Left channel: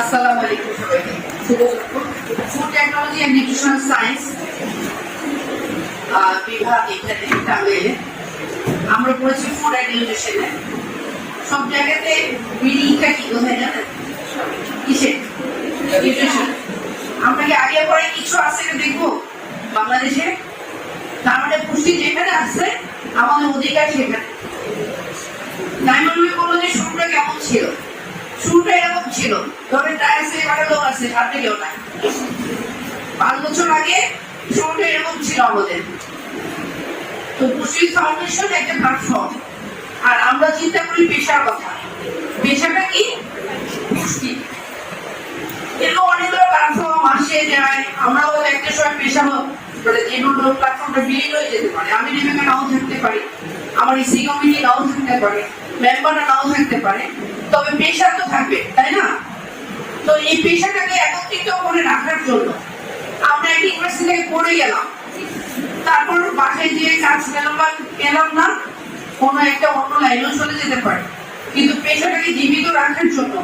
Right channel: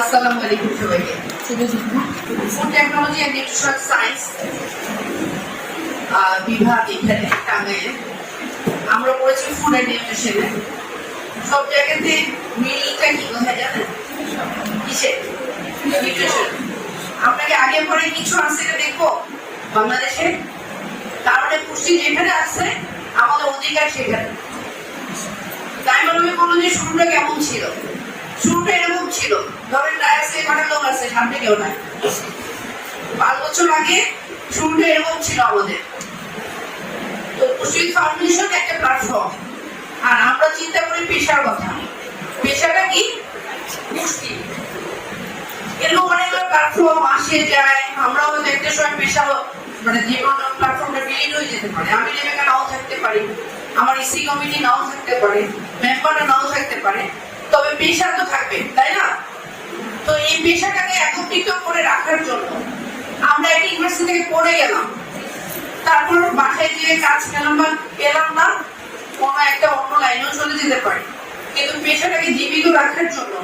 আসসালামু আলাইকুম সবাইকে। শুভ দুপুর। Food technology and nutritional science বিভাগ এখানে টাঙ্গাইলে আমরা পড়েছি ফুড অ্যান্ড নিউট্রিশনে। সব জায়গাতে মিলটা কি কোথায় জানেন? কিসে? নিউট্রিশন। আমরা কি আগে পরে কিছু আছে দেখবো বাংলাদেশে? তার মানে পুষ্টি যেখানে আসছে আমাদের অধিকার সেখানে। নাইমুল বললো যে শুরুটা কেমন ছিল? শুরুটা এরকম ছিল, ধরেন এখানে লোক আছে, সামনে কেউ নাই। 5 বছর আগে শুরুটা এরকম ছিল আমাদের। তো পুষ্টি ফাউন্ডেশন একটা প্ল্যাটফর্ম, আর আমরা চিন্তা করি পেশার কথা। পেশাটা কি? পুষ্টি। এরকম অনেকগুলো প্ল্যাটফর্ম আসে যায়, আমরা হয়তো একটা সময় পেশা মানে যে কোনো প্ল্যাটফর্মটা বিলীন হয়ে যেতে পারে। আমি যেখানে নাও থাকতে পারি, আমার ইসি কমিটি নাও থাকতে পারে, মেম্বাররা নাও থাকতে পারে, তবে পেশা তো থাকবে, তাই না? তো এই পেশাটাকে একত্রিত করে রাখার জন্য আমরা একটা ইউনিভার্সিটি থেকে পড়ে গেলাম, তারপর বাসায় গিয়ে কাজ পেলাম না, কোনো একটা অন্য লাইনেও চলে যেতে পারে। কিন্তু পেশাটাকে জীবিত রাখার জন্য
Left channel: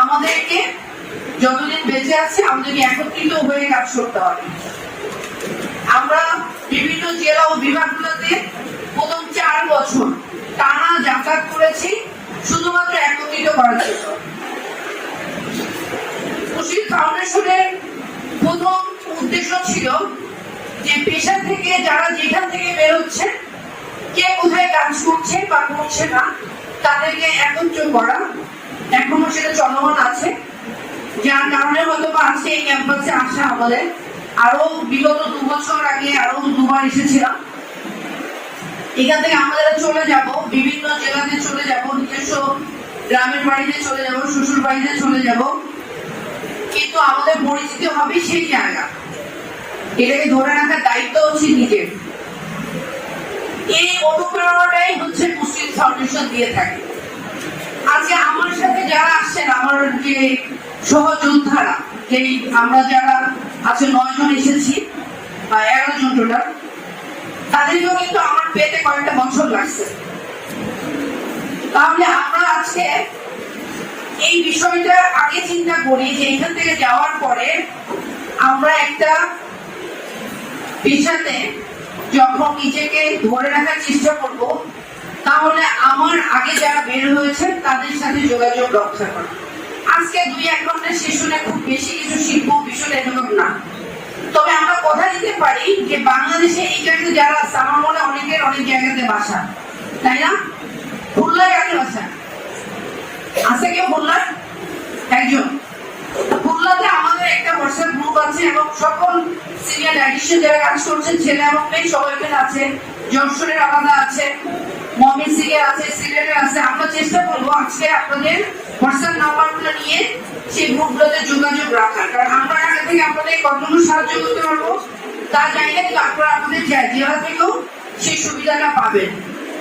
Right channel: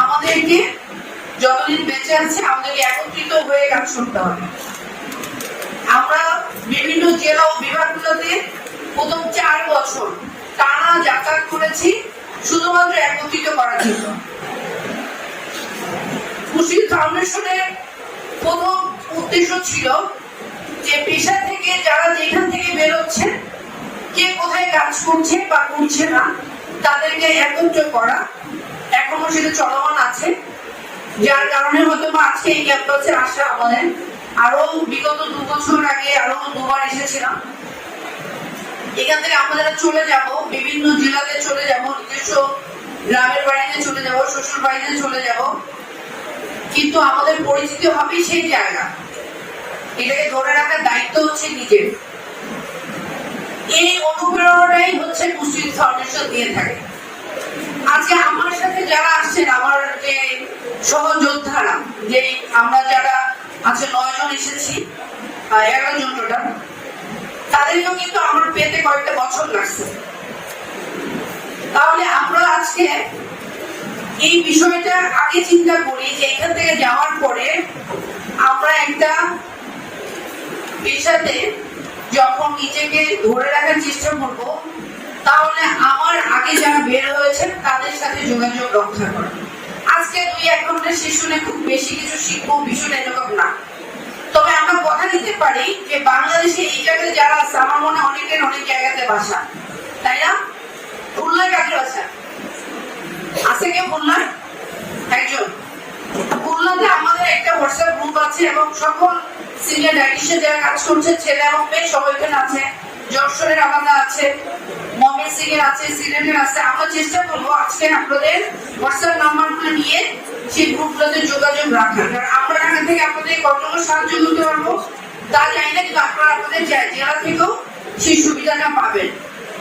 আমাদেরকে যতদিন বেঁচে আছে আমাদেরকে একত্রিত হয়ে কাজ করতে হবে। আমরা বিভিন্ন জেলা ও বিভাগগুলোতে প্রথম 4 বছর টানা যাতায়াত করেছি শুধুমাত্র একত্রিত করার জন্য। পুষ্টি ফাউন্ডেশনের প্রথম উদ্দেশ্য ছিল যে পেশা থেকে যারা যেখান থেকে বেরোচ্ছে, কে কোথায় কাজ করছে বা করছে না, তাদেরকে একত্র করা। এখনো সেটা চলমান আছে, যার কারণে হয়তো আজকে এই ক্যাম্পাসে আসা আমাদের। আরো বিগত 2 বছর আগে আরো 2বার এসেছিলাম। এখান থেকে আমরা চলে যাব, বিভিন্ন জেলাতে চলে যাব, নিজস্ব গ্রামের বাড়িতে চলে যাব, শ্বশুর বাড়িতে চলে যাব, কিন্তু আমাদের পরিচিতি হবে সেই জায়গা। এটাকে ধরে রাখার দায়িত্ব হচ্ছে নিজের। এই অনুপ্রেরণাটাই হচ্ছে পুষ্টি ফাউন্ডেশন দিয়ে থাকে। আজকে আমার সাথে যারা আসছেন, আমার যে সহযোদ্ধারা, যে আমরা যারা আছে 9 জন এসেছি, 11 জন টোটাল, তাদেরকেও কিন্তু আমার পেতে কয়েকটা বছর লাগছে। তাহলে আমরা আজকে এই বিষয়টা আগে চিন্তা করি যে এখান থেকে যাওয়ার পরে আমরা একটা পেশাতে যখন নিজেকে ধরে রাখার চেষ্টা করব, তাহলে আমার আগে যারা বের হয়েছে তাদের সাথে যোগাযোগ রক্ষা করা। আজকে 2-1 ঘন্টা সেশনে খুব বেশি কিছু শিখবো, বিষয়টা এরকম না। তবে আমরা কথা দিতে পারি যে বাংলাদেশে এই জায়গাতে যারা আছে, আমার মনে অনেকের অনেক জায়গাতে বাসা, তাই না? খুলনায় কাকে বাসা আছে? কেউ খুলনায়? একজন। খুলনাতে আমাদের একটা হোয়াটসঅ্যাপ গ্রুপ আছে এবং সকল সিনিয়র ডায়েটিশিয়ান যারা কাজ করছে, ছেলে এবং মেয়ে সবাই এখানে আছে। যশোরের আলাদা আছে, ময়মনসিংহের আছে, সিলেটের আছে। আমরা চেষ্টা করবো আজকে আপনাদের হোয়াটসঅ্যাপ নাম্বারগুলো নিয়ে সেই গ্রুপগুলোতে যোগাযোগ রাখার। কারণ আমরা এখান থেকে আপনাদের কতটুকু সাহায্য করতে পারবো তা জানি না, কিন্তু আপনারা আপনাদের জেলা থেকেও সেই সুবিধাটা পাবেন,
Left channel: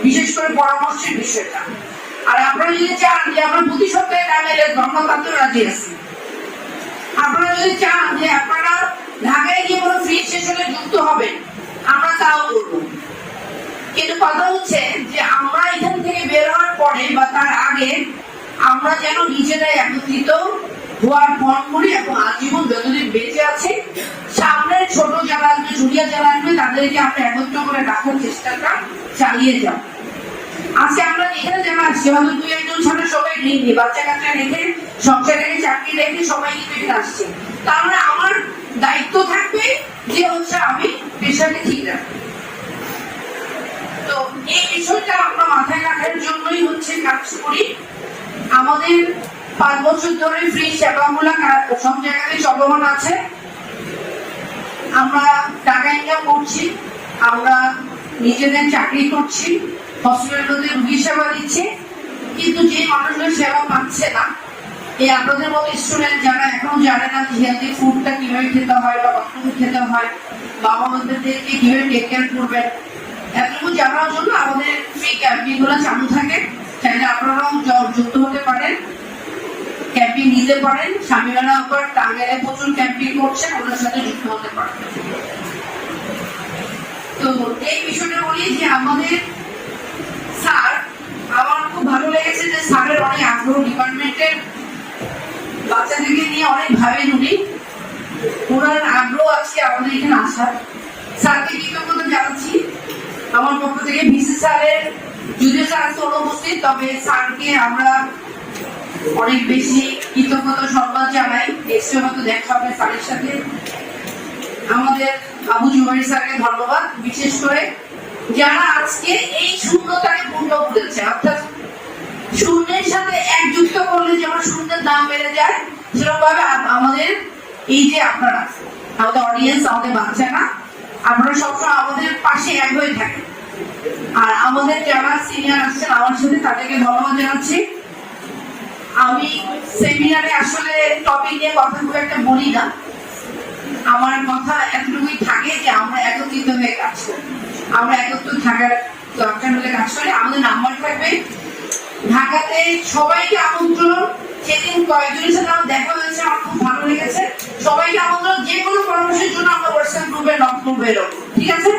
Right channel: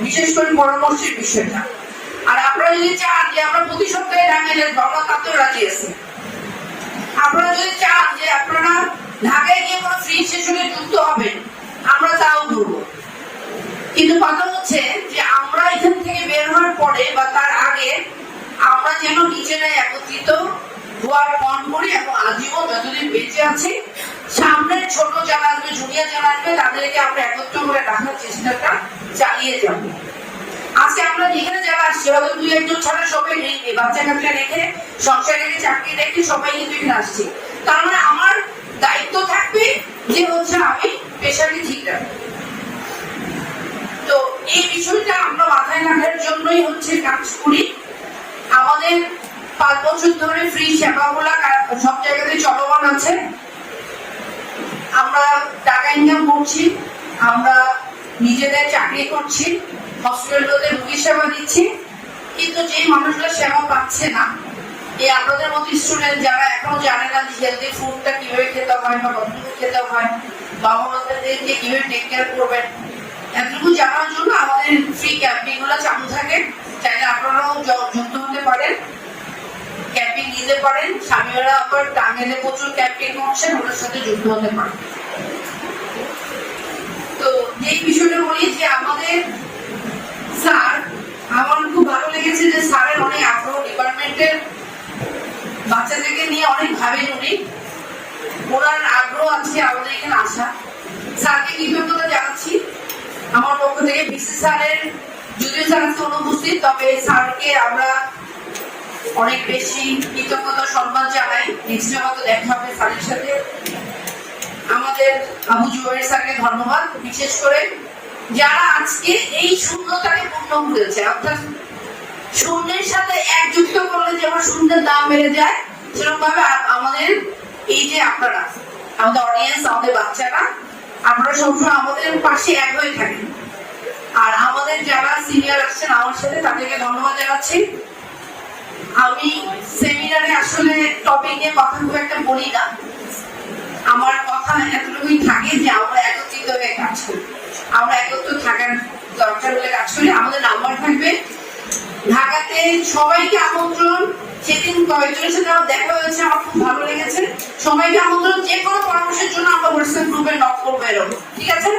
বিশেষ করে পরামর্শের বিষয়টা। আর আপনারা যদি চান যে আমরা প্রতি সপ্তাহে টাঙ্গাইলে ভ্রমণ করতে রাজি আছি, আপনারা যদি চান যে আপনারা ঢাকায় গিয়ে কোনো ফ্রি সেশনে যুক্ত হবেন, আমরা তাও করবো। কিন্তু কথা হচ্ছে যে আমরা এখান থেকে বের হওয়ার পরে বা তার আগে আমরা যেন নিজেরাই একত্রিত হওয়ার মন করি এবং আজীবন যতদিন বেঁচে আছে সামনের ছোট যারা আসবে, জুনিয়র যারা আসবে, তাদেরকে আমরা একত্র করে রাখার চেষ্টাটা চালিয়ে যাব। আজকে আমরা এখানে যারা আসছি হয়তো 2-1 জন ছাড়া সবাই নেই, বাচ্চা কাচ্চা রেখে, সংসার রেখে, চাকরি রেখে সবাই কিন্তু এখানে আসছে। তার মানে আমার দায়িত্ব থাকবে যে হচ্ছে আমি পেশাকে ঠিক রাখবো। তো এই বিষয়টা আমরা মাথায় রাখার জন্যই হচ্ছে কাজ করি। আমাদের 5 বছর ধরে ফ্রি সেবাগুলো সব জায়গাতে চলমান আছে। আমরা টাকা ইনকাম করছি, আমরা নিজেদের চাকরি করছি, হসপিটালগুলোতে রোগী সেবা দিচ্ছি, কিন্তু যে মানুষগুলো সেবা পাচ্ছে না, এই আপনাদের মতো স্টুডেন্ট যারা এখনো জানে না যে হেলদি ফুডটা কিভাবে খেতে হয় বা কতটুকু খেতে হয়, বাবা মাদেরকে কিভাবে টেক কেয়ার করবেন, এতটুকু জানার জন্য আমাদের ফ্রি ক্যাম্পিং গুলো চালু থাকে। চাইলে আপনারাও যুক্ত হতে পারেন, ক্যাম্পিং নিতে পারেন। স্বামীরা আবার টাঙ্গাইলে প্রচুর ক্যাম্পিং করছেন, ওনার সাথে যুক্ত হতে পারেন। তো এই বিষয়টা বলি যে আমাদের স্যার, আমার খুব ভালো লেগেছে যে স্যারের অনেক আগ্রহ, ডিপার্টমেন্টের বাচ্চাদেরকে নিয়ে নিয়ে অনেক ভাবেন উনি, ওনার আগ্রহ আছে আমাদের এখানে আসার। স্যারকে কৃতজ্ঞতা জানাচ্ছি আমার পক্ষ থেকে। ভিসি স্যারের যদিও স্যার আজকে অনুপস্থিত, তবে স্যারকে আমরা অনেক বেশি কৃতজ্ঞতা সম্মান জানাই। নেক্সট হয়তো দেখা হবে স্যারের সাথে। আমাদের আবু জুবাইর স্যারকে ধন্যবাদ, বিশেষ করে যারা আজকে এই শূন্যতাকে পূর্ণ করেছে। অর্থাৎ শূন্যের সাথে এক যুক্ত করলে যেমন শূন্যের দাম বেড়ে যায়, সেরকম ভাবে আমাদের এই যে আপনারা, আমাদের অডিয়েন্স, আমাদের বাচ্চারা, আপনারা সবসময় আমাদের পাশে এক হয়ে থাকেন। আর আমাদের যারা সিনিয়র আসছেন আমার সাথে, তাদেরকে ধন্যবাদ জানাচ্ছি। আমি সেমিনারে আসলে টপিক নিয়ে কথা খুব একটা বলি না, আমার কথা এতটুকুই থাকে যে আমরা একত্রিত হয়ে কাজ করি, আমরা একত্র থাকার দরকার হলে কাজ করি। আমাদের নাম্বার থাকবে ঢাকাতে, সবাইকে আমন্ত্রণ। সেদিন কয়েকজনের সাথে আমার দেখা হয়েছে, আমার খুব ভালো লেগেছে। সবাইকে আমন্ত্রণ, যে কোনো পরামর্শের জন্য আমরা হোয়াটসঅ্যাপ গ্রুপে নক করবো, ঠিক আছে?